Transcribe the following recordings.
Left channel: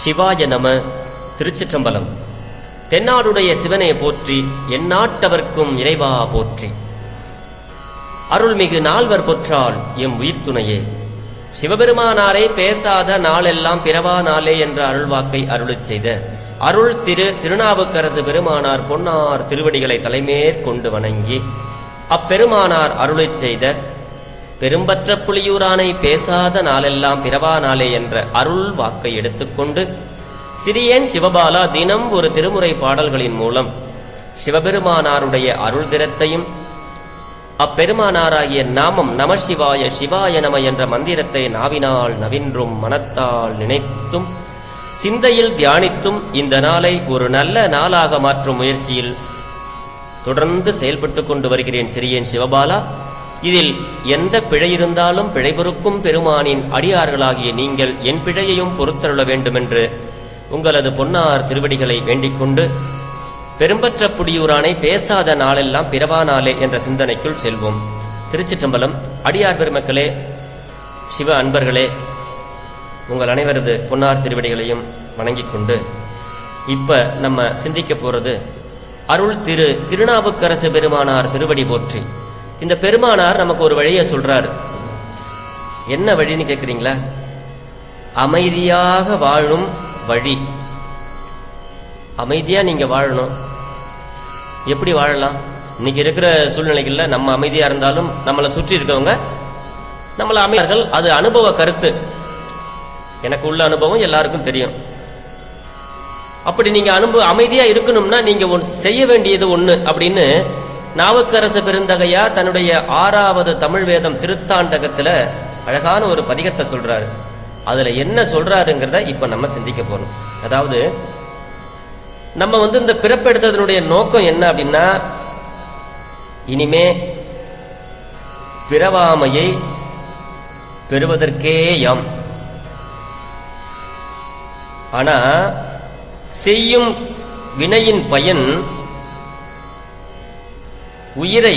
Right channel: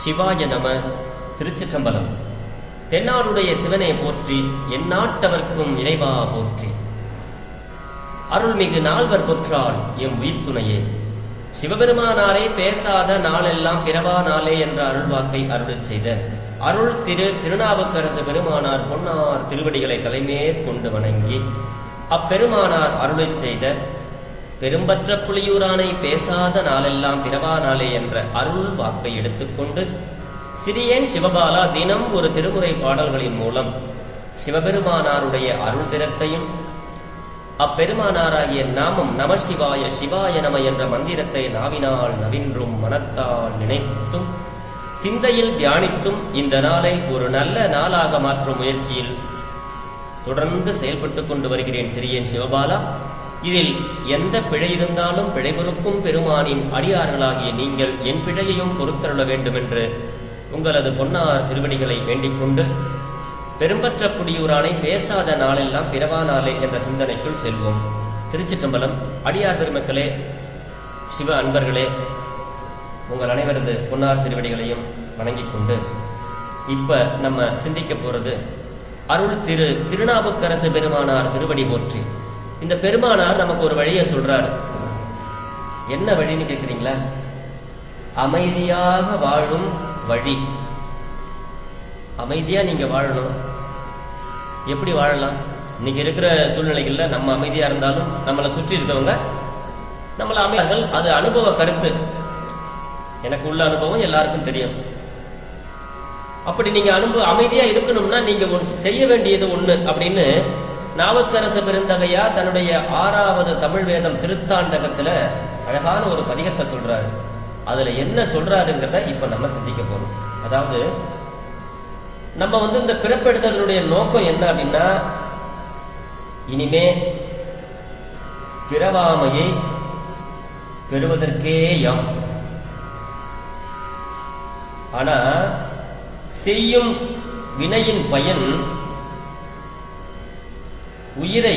சிவாய நம. திருச்சிற்றம்பலம். தென்னாடுடைய சிவனே போற்றி, எந்நாட்டவர்க்கும் இறைவா போற்றி. அருள்மிகு நால்வர் பொற்றால் எம் உயிர்த்துணையே. சிவபெருமானாரை பேசாத நாளெல்லாம் பிறவா நாளே என்ற அருள்வாக்கை அருளச் செய்த அருள் திருநாவுக்கரசு பெருமானார் பொன்னார் திருவடிகளை தலைமேற்கொண்டு வணங்கி அப்பெருமானார் அருளச் செய்த பெரும்பற்ற புலியூரானை பேசாத நாளெல்லாம் பிறவா நாளே என்ற அருள் வாக்கை எடுத்துக்கொண்டு சிறியேன் சிவபாலா தினம் ஒரு திருமுறை பாடல்களின் மூலம் சிவபெருமானாருடைய அருள் திறத்தையும் அப்பெருமானாராகிய நாமம் நம சிவாய சிவாய நம என்ற மந்திரத்தை நாவினால் நவின்றும் மனத்தால் நினைத்தும் சிந்தையில் தியானித்தும் இந்த நாளை ஒரு நல்ல நாளாக மாற்றும் முயற்சியில் தொடர்ந்து செயல்பட்டு கொண்டு வருகிறேன் சிறியேன் சிவபாலா. இதில் எந்த பிழை இருந்தாலும் பிழை பொறுக்கும் பெருமானின் அடியார்களாகிய நீங்கள் என் பிழையையும் பொறுத்தருள வேண்டுமென்று உங்களது பொன்னார் திருவடிகளை வேண்டிக் கொண்டு பெரும்பற்ற புடியூரானை பேசாத நாளெல்லாம் பிறவா நாளே என்ற சிந்தனைக்குள் செல்வோம். திருச்சிற்றம்பலம். அடியார் பெருமக்களே, சிவ அன்பர்களே, உங்கள் அனைவரது பொன்னார் திருவடிகளையும் வணங்கிக் கொண்டு இப்ப நம்ம சிந்திக்க போறது அருள் திருநாவுக்கரசு பெருமானார் திருவடி போற்றி. இந்த பெருமானார் நமக்கு ஒரு வழியை சொல்றார். என்ன வழின்னு கேட்குறீங்களா? அமைதியாக வாழும் வழி. அமைதியா நீங்க வாழணும். எப்படி வாழலாம்? இன்னைக்கு இருக்கிற சூழ்நிலைகள்ல நம்ம அமைதியா இருந்தாலும் நம்மளை சுற்றி இருக்கவங்க நம்மள அமைதியார்கள். அது அனுபவ கருத்து. எனக்கு உள்ள அனுபவம் எல்லாருக்கும் தெரியும். அப்படி நீங்க அமைதியா இருக்கணும்னா நீங்க செய்ய வேண்டியது ஒண்ணு அப்படின்னு நாவுக்கரசு பெருந்தகையா தன்னுடைய 6வது தமிழ் வேதம் திருத்தாண்டகத்துல அழகான ஒரு பதிகத்தை சொல்றாரு. அதுல என்ன சொல்றாருங்கிறத இப்ப நம்ம சிந்திக்க போறோம். அதாவது நம்ம இந்த பிறப்பெடுத்ததனுடைய நோக்கம் என்ன அப்படின்னா, இனிமே பிறவாமையை பெறுவதற்கே யாம். ஆனா செய்யும் வினையின் பயன் உயிரை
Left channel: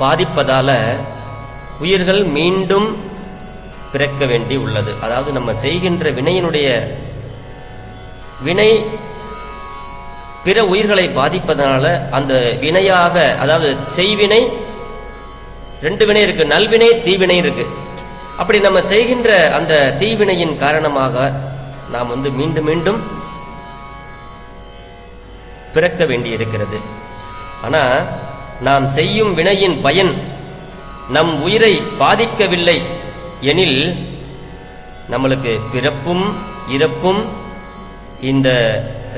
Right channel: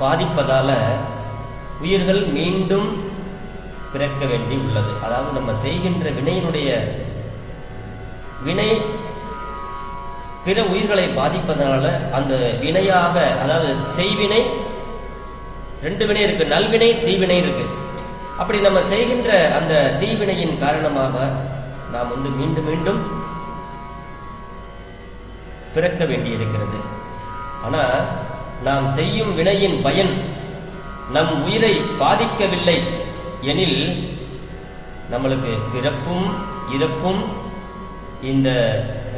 பாதிப்பதால உயிர்கள் மீண்டும் பிறக்க வேண்டி உள்ளது. அதாவது நம்ம செய்கின்ற வினையினுடைய வினை பிற உயிர்களை பாதிப்பதனால அந்த வினையாக, அதாவது செய்வினை 2 வினை இருக்கு, நல்வினை தீவினை இருக்கு. அப்படி நம்ம செய்கின்ற அந்த தீவினையின் காரணமாக நாம் மீண்டும் மீண்டும் பிறக்க வேண்டி இருக்கிறது. ஆனா நாம் செய்யும் வினையின் பயன் நம் உயிரை பாதிக்கவில்லை எனில் நம்மளுக்கு பிறப்பும் இறப்பும் இந்த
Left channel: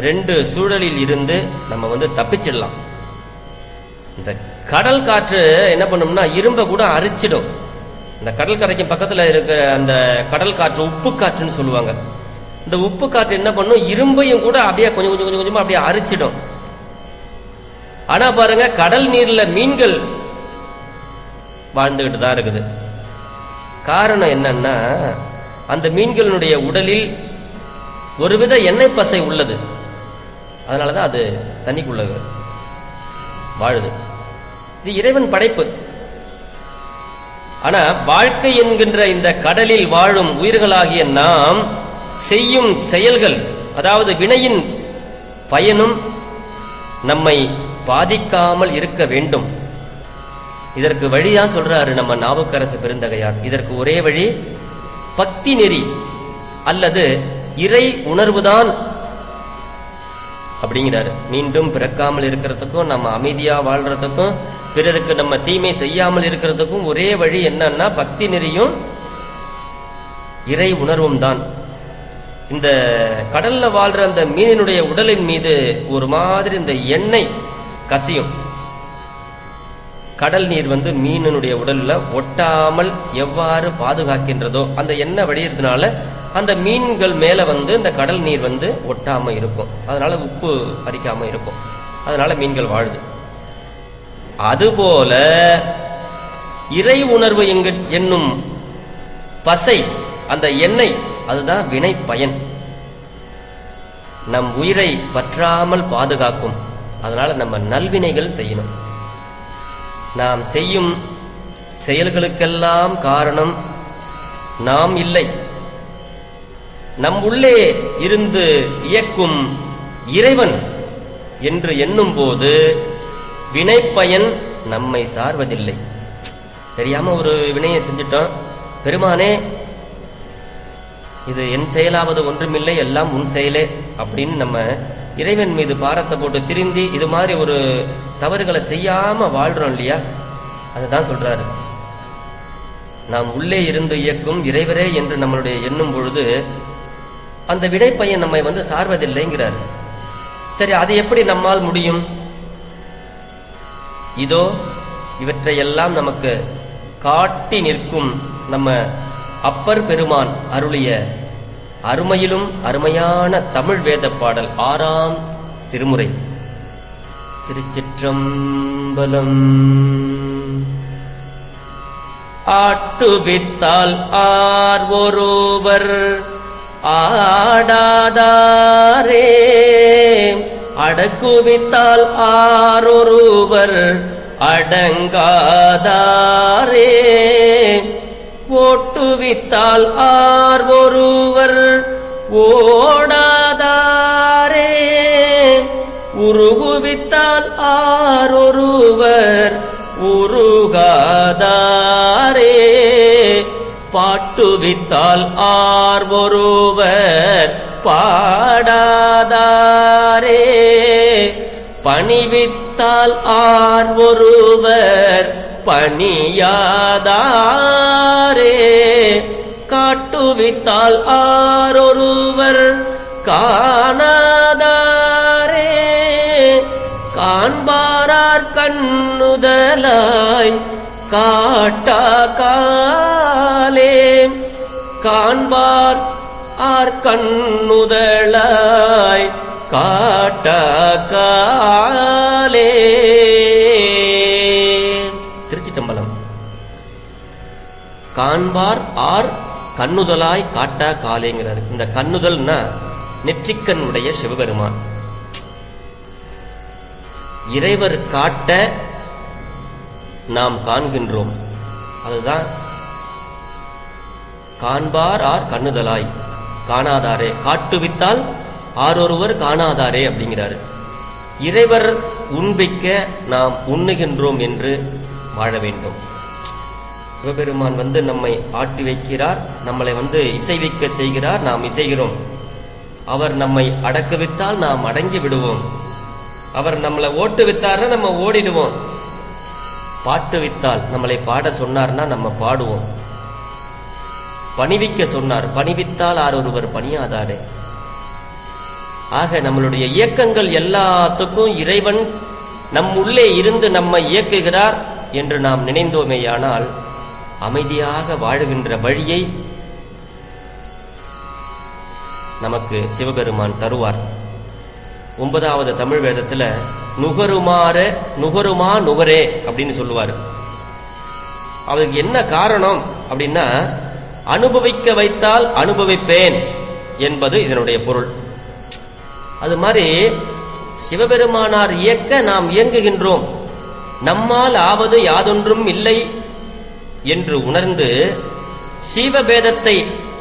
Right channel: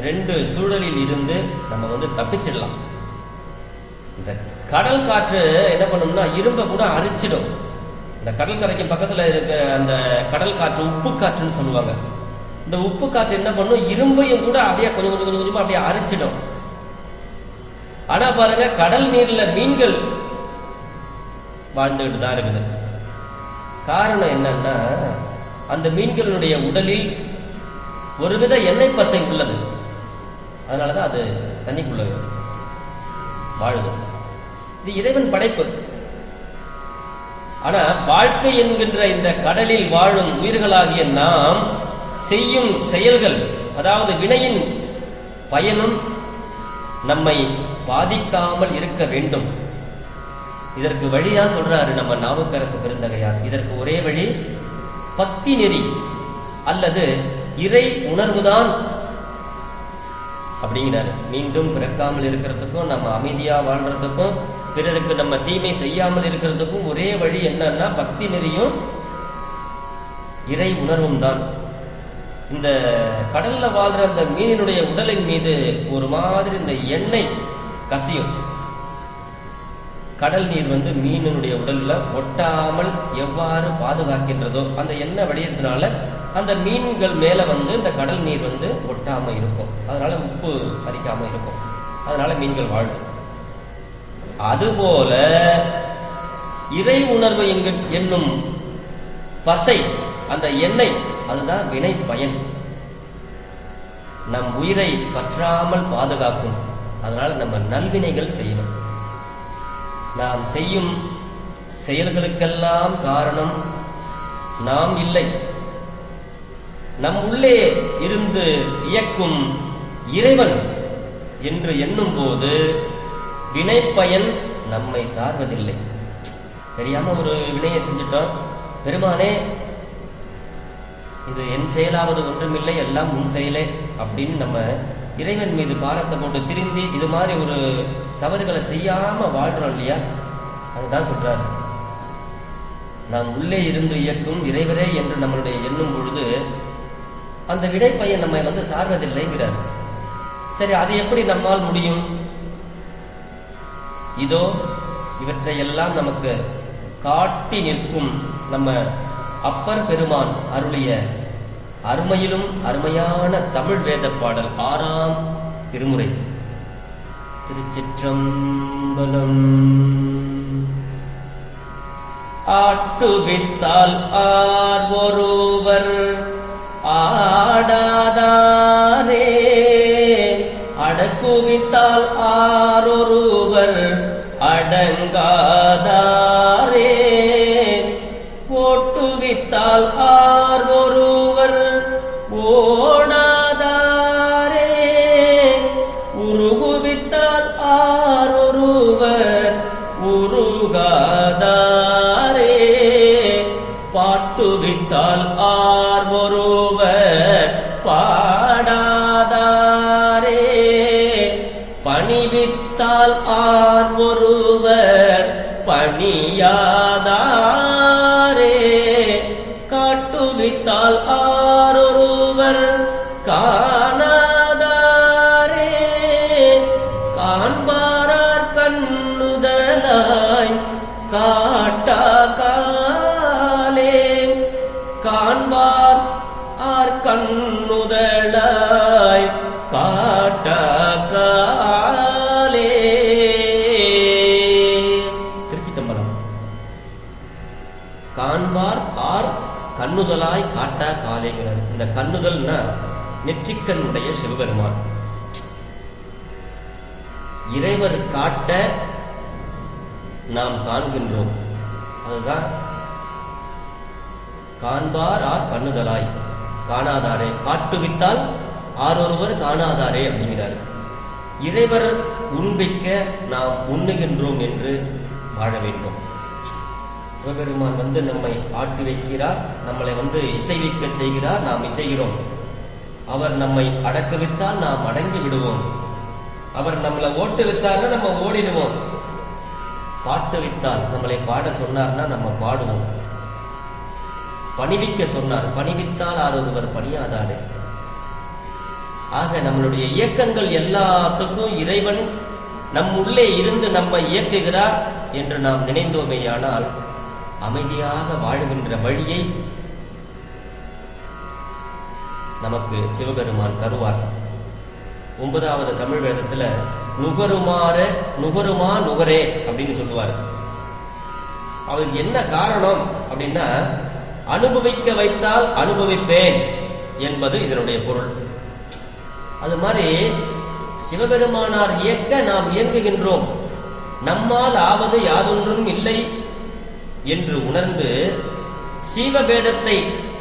2 சூழலில் இருந்து நம்ம தப்பிச்சிடலாம். இந்த கடல் காற்று என்ன பண்ணும்னா இரும்ப கூட அரிச்சிடும். இந்த கடல் கரைக்கு பக்கத்துல இருக்க அந்த கடல் காற்று உப்பு காற்றுன்னு சொல்லுவாங்க. இந்த உப்பு காற்று என்ன பண்ணும், இரும்பையும் கூட அப்படியே கொஞ்சம் கொஞ்சம் கொஞ்சம் கொஞ்சமா அப்படியே அரிச்சிடும். ஆனா பாருங்க, கடல் நீர்ல மீன்கள் வாழ்ந்துகிட்டு தான் இருக்குது. காரணம் என்னன்னா, அந்த மீன்களுடைய உடலில் ஒருவித எண்ணெய் பசை உள்ளது. அதனாலதான் அது தண்ணிக்குள்ள வாழுது. இது இறைவன் படைப்பு. ஆனா வாழ்க்கை என்கின்ற இந்த கடலில் வாழும் உயிர்களாகிய நாம் செய்யும் செயல்கள், அதாவது வினையின் பயனும் நம்மை பாதிக்காமல் இருக்க வேண்டும். இதற்கு வழிதான் சொல்றாரு நம்ம நாவுக்கரசு பெருந்தகையார். இதற்கு ஒரே வழி பக்தி நெறி அல்லது இறை உணர்வுதான் அப்படிங்கிறாரு. மீண்டும் பிறக்காமல் இருக்கிறதுக்கும் நம்ம அமைதியா வாழ்றதுக்கும் பிறருக்கு நம்ம தீமை செய்யாமல் இருக்கிறதுக்கும் ஒரே வழி என்னன்னா பக்தி நெறியும் இறை உணர்வும் தான். இந்த கடல்ல வாழ்ற அந்த மீனினுடைய உடலின் மீது ஒரு மாதிரி இந்த எண்ணெய் கசியும். கடல் நீர் மீனினுடைய உடல்ல ஒட்டாமல் எவ்வாறு பாதுகாக்கின்றதோ அந்த எண்ணெய் வடிகிறதுனால அந்த மீன்கள் மேல இந்த கடல் நீர் ஒட்டாம இருக்கும். அதனால உப்பு பறிக்காம இருக்கும். அதனால மீன்கள் வாழுது. அதுபோல இறை உணர்வு என்னும் பசை, அந்த எண்ணெய், அதுதான் வினை பயன். நம் உயிரை பற்றாமல் பாதுகாக்கும். அதனால நம்ம நல்வினைகள் செய்யணும். நாம் செய்யும் செயல்களுக்கெல்லாம் காரணம் நாம் இல்லை. நம் உள்ளே இருந்து இயக்கும் இறைவன் என்று எண்ணும் போது வினைப்பயன் நம்மை சார்வதில்லை. தெரியாம ஒரு வினையை செஞ்சிட்டோம், பெருமானே இது என் செயலாவது ஒன்றுமில்லை, எல்லாம் உன் செயலே அப்படின்னு நம்ம இறைவன் மீது பாரத்தை போட்டு திருந்தி இது மாதிரி ஒரு தவறுகளை செய்யாம வாழ்றோம் இல்லையா? அதுதான் சொல்றாரு, நாம் உள்ளே இருந்து இயக்கும் இறைவரே என்று நம்மளுடைய எண்ணும் பொழுது அந்த வினைப்பயன் நம்மை சார்வதில்லைங்கிறார். சரி, அது எப்படி நம்மால் முடியும்? இதோ இவற்றையெல்லாம் நமக்கு காட்டி நிற்கும் நம்ம அப்பர் பெருமான் அருளிய அருமையிலும் அருமையான தமிழ் வேத பாடல் 6ஆம் திருமுறை. திருச்சிற்றம்பலம். ஆட்டுவித்தால் ஆர் ஒருவர் ஆடாதாரே, அடக்குவித்தால் ஆரொருவர் அடங்காதாரே, ஓட்டுவித்தால் ஆர் ஒருவர் ஓடாதாரே, உருகுவித்தால் ஆரொருவர் உருகாதாரே, பாட்டுவித்தால் ஆர் ஒருவர் பாடாதாரே, பணிவித்தால் ஆர் ஒருவர் பணியாதாரே, காட்டுவித்தால் ஆரொருவர் காணாதாரே, காண்பாரார் கண்ணுதலாய் காட்டா காலே, காண்பார் ஆர் கண்ணுதலாய் காட்டா காலே. திருச்சிற்றம்பலம். காண்பார் ஆர் கண்ணுதலாய் காட்டா காலேங்கிறார். இந்த கண்ணுதல்னா நெற்றிக்கண் உடைய சிவபெருமான். இறைவர் காட்ட நாம் காண்கின்றோம், அதுதான் காண்பார் ஆர் கண்ணுதலாய் காணாதாரே, காட்டுவித்தால் ஆரொருவர் காணாதாரே அப்படிங்கிறாரு. இறைவர் உண்பிக்க நாம் உண்ணுகின்றோம் என்று வாழ வேண்டும். சிவபெருமான் நம்மை ஆட்டி வைக்கிறார், நம்மளை இசைவிக்க செய்கிறார், நாம் இசைகிறோம். அவர் நம்மை அடக்குவித்தால் நாம் அடங்கி விடுவோம். அவர் நம்மளை ஓட்டு வித்தார்னா நம்ம ஓடிடுவோம். பாட்டு வித்தால் நம்மளை பாட சொன்னார்னா நம்ம பாடுவோம். பணிவிக்க சொன்னார், பணிவித்தால் ஆரொருவர் பணியாதாரே. ஆக நம்மளுடைய இயக்கங்கள் எல்லாத்துக்கும் இறைவன் நம் உள்ளே இருந்து நம்மை இயக்குகிறார் என்று நாம் நினைந்தோமேயானால் அமைதியாக வாழுகின்ற வழியை நமக்கு சிவபெருமான் தருவார். 9வது தமிழ் வேதத்துல நுகருமா நுகரே அப்படின்னு சொல்லுவார். அவருக்கு என்ன காரணம் அப்படின்னா, அனுபவிக்க வைத்தால் அனுபவிப்பேன் என்பது இதனுடைய பொருள். அது மாதிரி சிவபெருமானார் இயக்க நாம் இயங்குகின்றோம், நம்மால் ஆவது யாதொன்றும் இல்லை என்று உணர்ந்து சிவபேதத்தை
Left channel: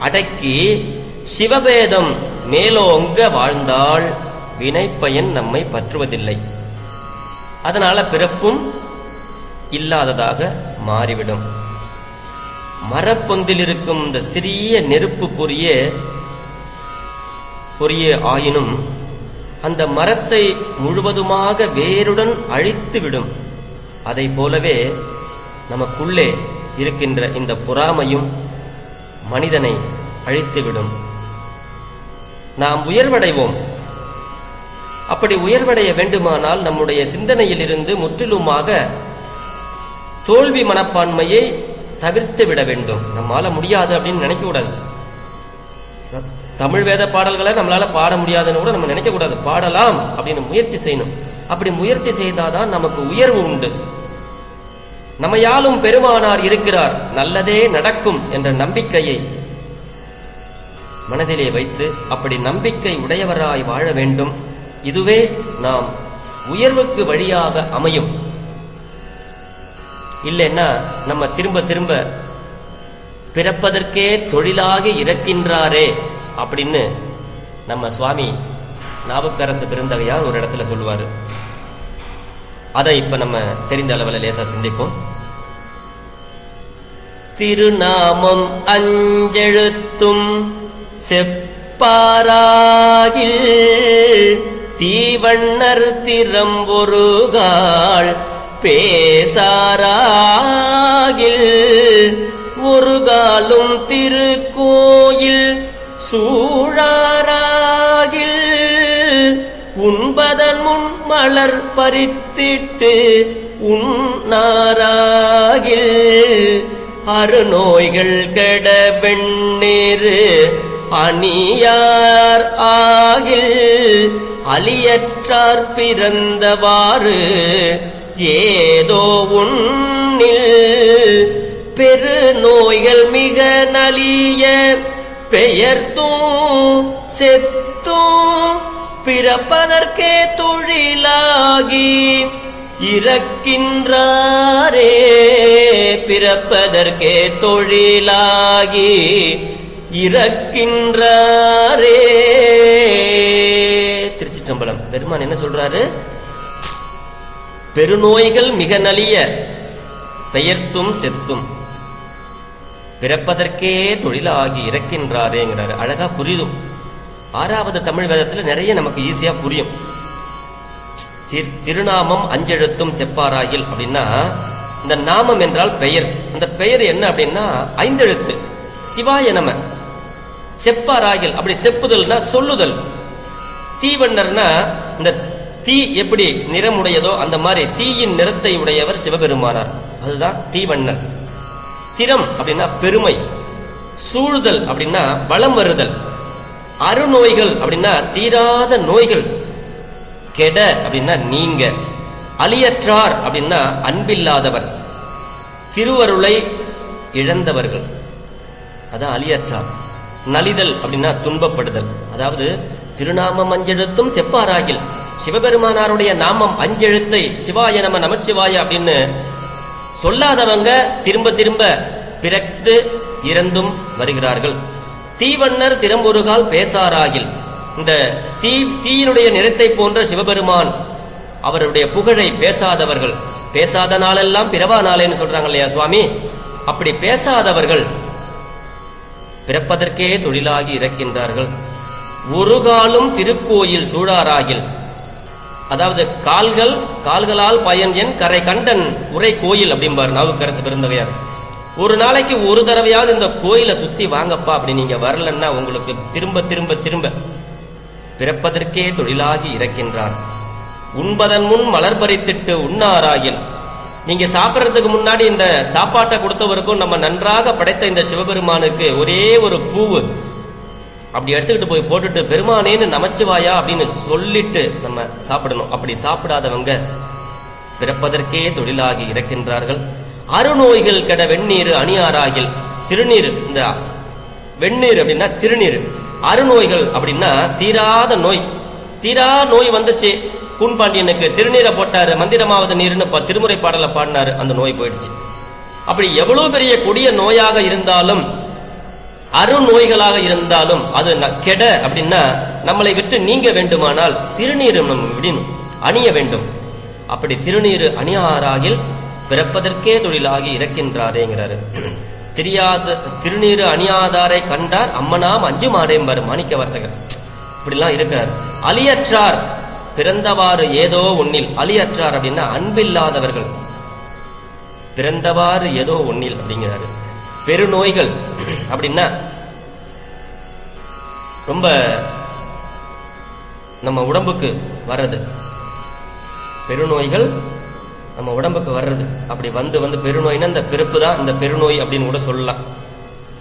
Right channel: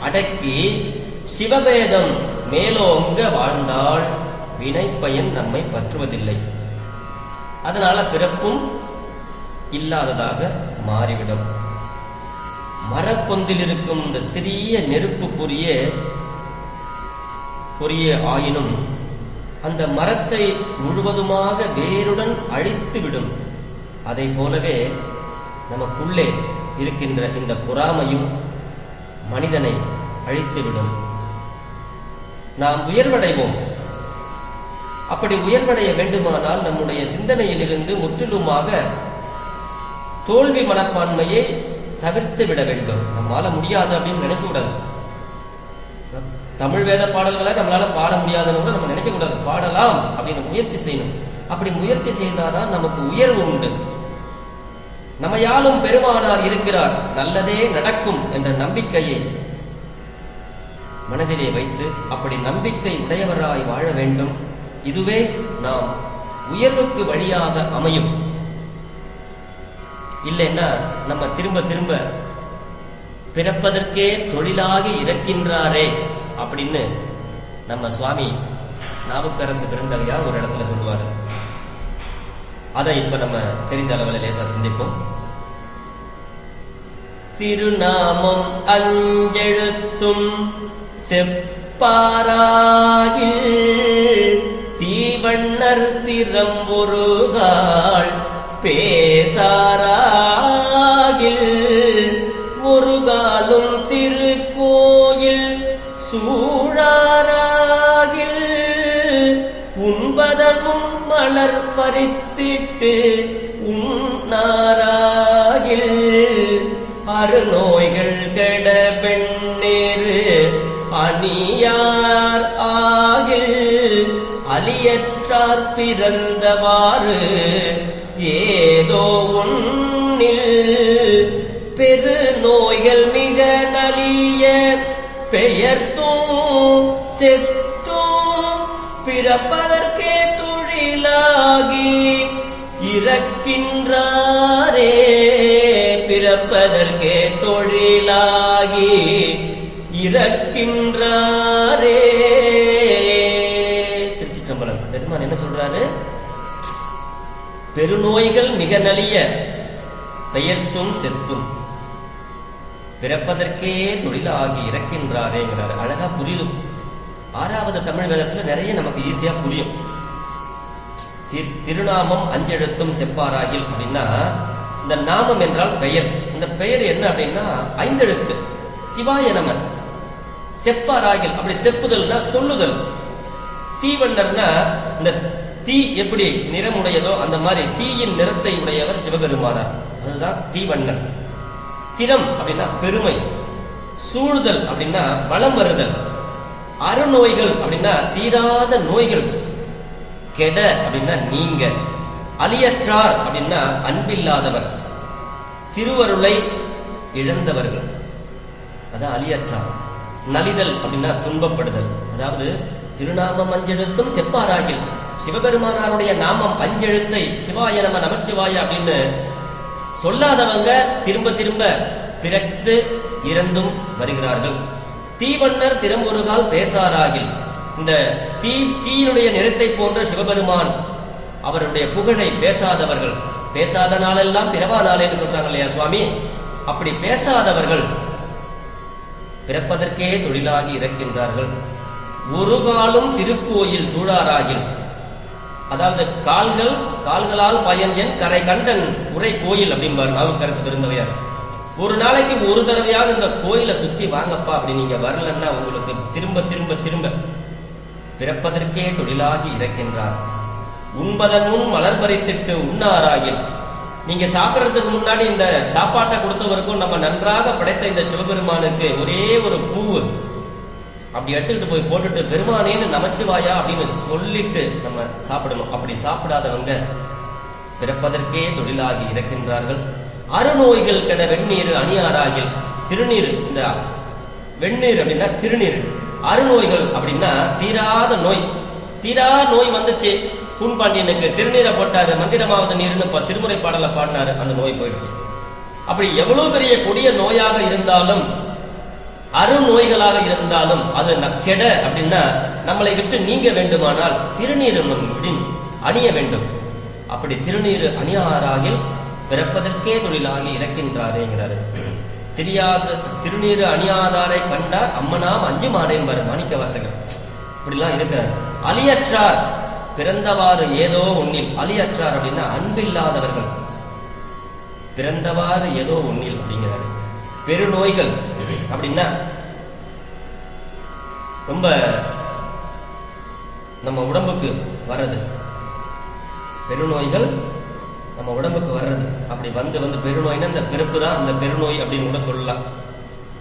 அடக்கி சிவபேதம் மேலோங்க வாழ்ந்தால் வினைப்பயன் நம்மை பற்றுவதில்லை. அதனால பிறப்பும் இல்லாததாக மாறிவிடும். மரப்பொந்தில் இருக்கும் இந்த சிறிய நெருப்பு பொரிய ஆயினும் அந்த மரத்தை முழுவதுமாக வேருடன் அழித்துவிடும். அதை போலவே நமக்குள்ளே இருக்கின்ற இந்த பொறாமையும் மனிதனை அழித்துவிடும். நாம் உயர்வடைவோம். அப்படி உயர்வடைய வேண்டுமானால் நம்முடைய சிந்தனையில் இருந்து முற்றிலுமாக தோல்வி மனப்பான்மையை தவிர்த்து விட வேண்டும். நம்மால முடியாது அப்படின்னு நினைக்க கூடாது. தமிழ் வேத பாடல்களை நம்மளால பாட முடியாதுன்னு கூட நம்ம நினைக்க கூடாது. பாடலாம் அப்படின்னு முயற்சி செய்யணும். அப்படி முயற்சி செய்தாதான் நமக்கு உயர்வு உண்டு. நம்மையாலும் பெருமானார் இருக்கிறார், நல்லதே நடக்கும் என்ற நம்பிக்கையை மனதிலே வைத்து அப்படி நம்பிக்கை உடையவராய் வாழ வேண்டும். இதுவே நாம் உயர்வுக்கு வழியாக அமையும். இல்லைன்னா நம்ம திரும்ப திரும்ப பிறப்பதற்கே தொழிலாகி இறக்கின்றாரே அப்படின்னு நம்ம சுவாமி நாவுக்கரசு பெருந்தகையார் ஒரு இடத்துல சொல்லுவாரு. அதை இப்ப நம்ம தெரிந்த அளவில் லேசா சிந்திப்போம். திருநாமம் அஞ்செழுத்தும் செப்பாராகில் தீவண்ணர் திறம்பொருகாள் பேசாராகில் ஒரு காலும் திருக்கோயில் சூழாராகில் உண்பதன் முன் மலர் பறித்திட்டு உண்ணாராகில் அருநோய்கள் கெட வெண்ணீரு அணியார் ஆகில் அலியற்றார் பிறந்தவாறு ஏதோ உன்னில் பெரு நோய்கள் மிக நலிய பெயர்த்தும் செத்தும் பிறப்பதற்கே தொழிலாகி இறக்கின்றாரே பிறப்பதற்கே தொழிலாகி இறக்கின்றாரே. திருச்சிற்றம்பலம். பெருமான் என்ன சொல்றாரு? பெருநோய்கள் மிக நலிய பெயர்த்தும் செத்தும் பிறப்பதற்கே தொழிலாகி இறக்கின்றாரேங்கிறாரு. அழகா புரியும். 6வது தமிழ் வேதத்துல நிறைய நமக்கு ஈஸியா புரியும். திருநாமம் அஞ்செழுத்தும் செப்பாராகில் அப்படின்னா, இந்த நாமம் என்றால் பெயர். அந்த பெயர் என்ன அப்படின்னா 5 எழுத்து. சிவாய நம. செப்பாராகில் அப்படி செப்புதல்னா சொல்லுதல். தீவண்ணர்னா இந்த தீ எப்படி நிறமுடையதோ அந்த மாதிரி தீயின் நிறத்தை உடையவர் சிவபெருமானார். அதுதான் தீவண்ணர். திறம் அப்படின்னா பெருமை. சூழ்தல் அப்படின்னா வளம் வருதல். அருநோய்கள் அப்படின்னா தீராத நோய்கள். கெட அப்படின்னா நீங்க. அலியற்றார் அப்படின்னா அன்பில்லாதவர். திருவருளை இழந்தவர்கள், அதான் அலியற்றார். நலிதல் அப்படின்னா துன்பப்படுதல். அதாவது திருநாமம் அஞ்செழுத்தும் செப்பாராகில், சிவபெருமானாருடைய நாமம் 5 எழுத்தை சிவாய நம நமச்சிவாய அப்படின்னு சொல்லாதவங்க திரும்ப திரும்ப பிறந்து இறந்தும் வருகிறார்கள். தீவண்ணர் திறம்பொருகால் பேசாராகில், இந்த தீயினுடைய நிறத்தை போன்ற சிவபெருமான் அவருடைய புகழை பேசாதவர்கள். பேசாத நாளெல்லாம் பிறவா நாளேன்னு சொல்றாங்க இல்லையா சுவாமி? அப்படி பேசாதவர்கள் பிறப்பதற்கே தொழிலாகி இறக்கின்றார்கள். ஒரு காலும் திருக்கோயில் சூழாராகில், அதாவது கால்களால் பயன் என் கரை கண்டன் உரை கோயில் அப்படிம்பாரு நாவுக்கரசு பெருந்தகையார். ஒரு நாளைக்கு ஒரு தடவையாவது இந்த கோயிலை சுத்தி வாங்கப்பா, அப்படி நீங்க வரலன்னா உங்களுக்கு திரும்ப திரும்ப திரும்ப பிறப்பதற்கே தொழிலாகி இறக்கின்றார். உண்பதன் முன் மலர் பறித்திட்டு உண்ணாராகில், நீங்க சாப்பிட்றதுக்கு முன்னாடி இந்த சாப்பாட்டை கொடுத்தவருக்கும் நம்ம நன்றாக படைத்த இந்த சிவபெருமானுக்கு ஒரே ஒரு பூவு அப்படி எடுத்துக்கிட்டு போய் போட்டுட்டு பெருமானேன்னு நமச்சிவாயா அப்படின்னு சொல்லிட்டு நம்ம சாப்பிடணும். அப்படி சாப்பிடாதவங்க பிறப்பதற்கே தொழிலாகி இறக்கின்றார்கள். அருநோய்கள் கெட வெந்நீர் அணியாராகில், திருநீர், இந்த வெந்நீர் அப்படின்னா திருநீர். அருநோய்கள் அப்படின்னா தீராத நோய். தீரா நோய் வந்துச்சு, கூன்பாண்டியனுக்கு திருநீரை போட்டாரு, மந்திரமாவது நீர்னு திருமுறை பாடலை பாடினாரு, அந்த நோய் போயிடுச்சு. அப்படி எவ்வளவு பெரிய கொடிய நோயாக இருந்தாலும், அருநோய்களாக இருந்தாலும் அது கெட அப்படின்னா நம்மளை விட்டு நீங்க வேண்டுமானால் திருநீர் விடணும், அணிய வேண்டும். அப்படி திருநீர் அணியாராகில் பிறப்பதற்கே தொழிலாகி இறக்கின்றாரேங்கிறாரு. திருநீர் அணியாதாரை கண்டார் அம்மனாம் அஞ்சு மாடேம்பர் மாணிக்க வாசகர். இப்படிலாம் இருக்கிறார். அலியற்றார் பிறந்தவாறு ஏதோ ஒன்னில். அலியற்றார் அப்படின்னா அன்பில்லாதவர்கள். பிறந்தவாறு ஏதோ ஒன்னில் அப்படிங்கிறாரு. பெருநோய்கள் அப்படின்னா ரொம்ப நம்ம உடம்புக்கு வர்றது. பெருநோய்கள் நம்ம உடம்புக்கு வர்றது. அப்படி வந்து பெருநோய்னா இந்த பிறப்பு தான் இந்த பெருநோய் அப்படின்னு கூட சொல்லலாம்.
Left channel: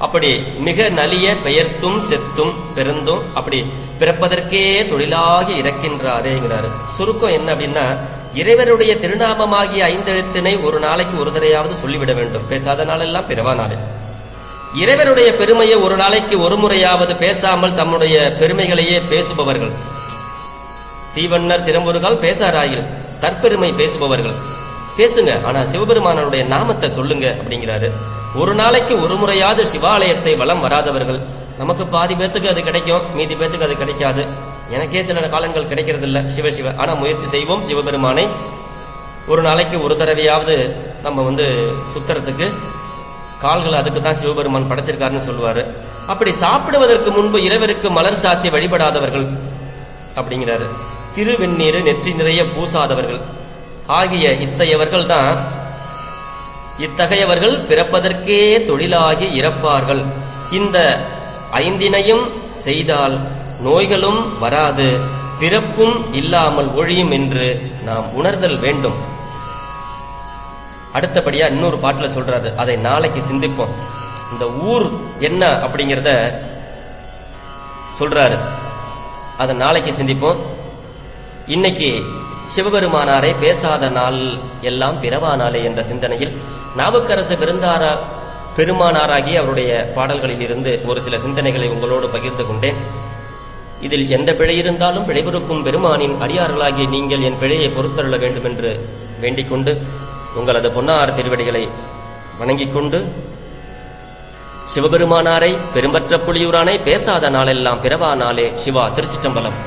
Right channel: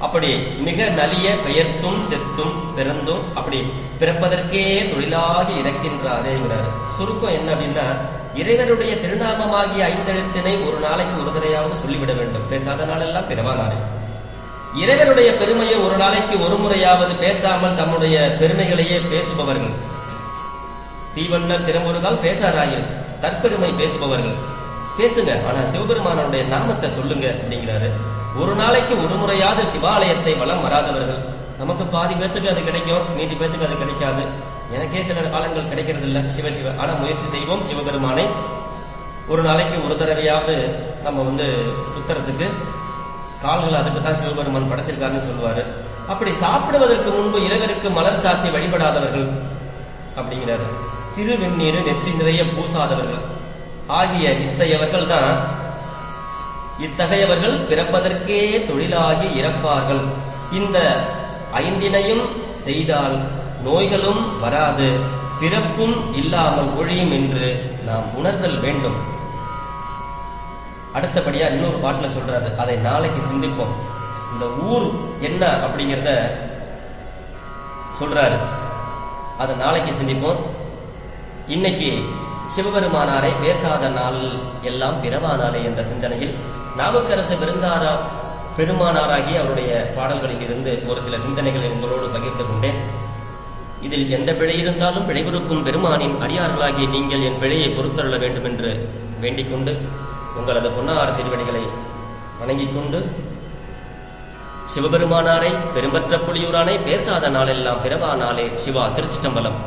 அப்படி மிக நலிய பெயர்த்தும் செத்தும் பிறந்தும் அப்படி பிறப்பதற்கே தொழிலாகி இறக்கின்றாரேங்கிறாரு. சுருக்கம் என்ன அப்படின்னா, இறைவருடைய திருநாமமாகிய 5 எழுத்தினை ஒரு நாளைக்கு ஒரு தடையாவது சொல்லிவிட வேண்டும். பேசாத நாளெல்லாம் பிறவா நாளே. இறைவனுடைய பெருமையை ஒரு நாளைக்கு ஒரு முறையாவது பேசாமல் தம்முடைய பெருமைகளையே பேசுபவர்கள். தீவண்ணர் திறம்பொருகால் பேசாராயில், தற்பெருமை பேசுபவர்கள். பேசுங்க, ஆனா சிவபெருமானனுடைய நாமத்தை சொல்லுங்க அப்படிங்கிறாரு. ஒரு நாளைக்கு ஒரு முறையாவது சிவாலயத்தை வலம் வராதவர்கள், நமக்கு பாதி பேத்துக்கு அது கிடைக்கும், மீதி பேத்துக்கு அது கிடைக்காது. எனக்கே சில காலங்கள் கிடைக்கிறது இல்லை. சிவ ஆனா முயற்சி செய்வோம். சிவபெருமானை ஒரு நாளைக்கு ஒரு தடவையாவது நம்ம சுத்துறதுக்கு கால்கள் அதுக்கு தான் சிவபெருமான் படைச்சிருக்காருன்னு சொல்லுவாரு. அப்படி சாப்பிடுவதற்கு முன்பு இறைவருக்கு மலர் சாத்தி வழிபடாதவர்கள் அப்படிங்கிறாரு. திருவெண்ணீர் நெற்றி நிறைய பூசாதவர்கள் ஆகிய இத்தகையவர்கள் பிறப்பதற்கே தொழிலாகி இறப்பார்கள். இந்த 5 செய்தால் நோய்களும் வராது, பிறப்பும் இல்லாமல் ஒழியும் என்று நாம் உணர்தல் வேண்டும். அடுத்தபடியா இன்னொரு பாட்டுல சொல்றாரு, அதை நாளைக்கு சிந்திப்போம். இந்த ஊர் என்ன அப்படிங்கிறத சொல்றாரு, அதை நாளைக்கு சிந்திப்போம். இன்னைக்கு சிவபெருமானாரை பேசாத நாள் எல்லாம் பிறவா நாளே என்ற சிந்தனையில் நாவுக்கரசு பெருமானாராகி அவருடைய பாடல்களில் இருந்து ஒரு சில சிந்தனைகளை உங்களோடு பகிர்ந்து கொண்டேன். இதில் எந்த பிழை இருந்தாலும் பிழைபொறுக்கும் பெருமானின் அடியார்களாகி நீங்கள் என் பிழையை பொறுத்தருள வேண்டும் என்று வேண்டிக் கொண்டு உங்களது பொன்னார் திருவடிகளை வணங்கிக் கொண்டு சிவபெருமானாரை பெரும்பற்ற புலியூரானை பேசாத நாளெல்லாம் பிறவா நாளே. சிவா. திருச்சிற்றம்பலம்.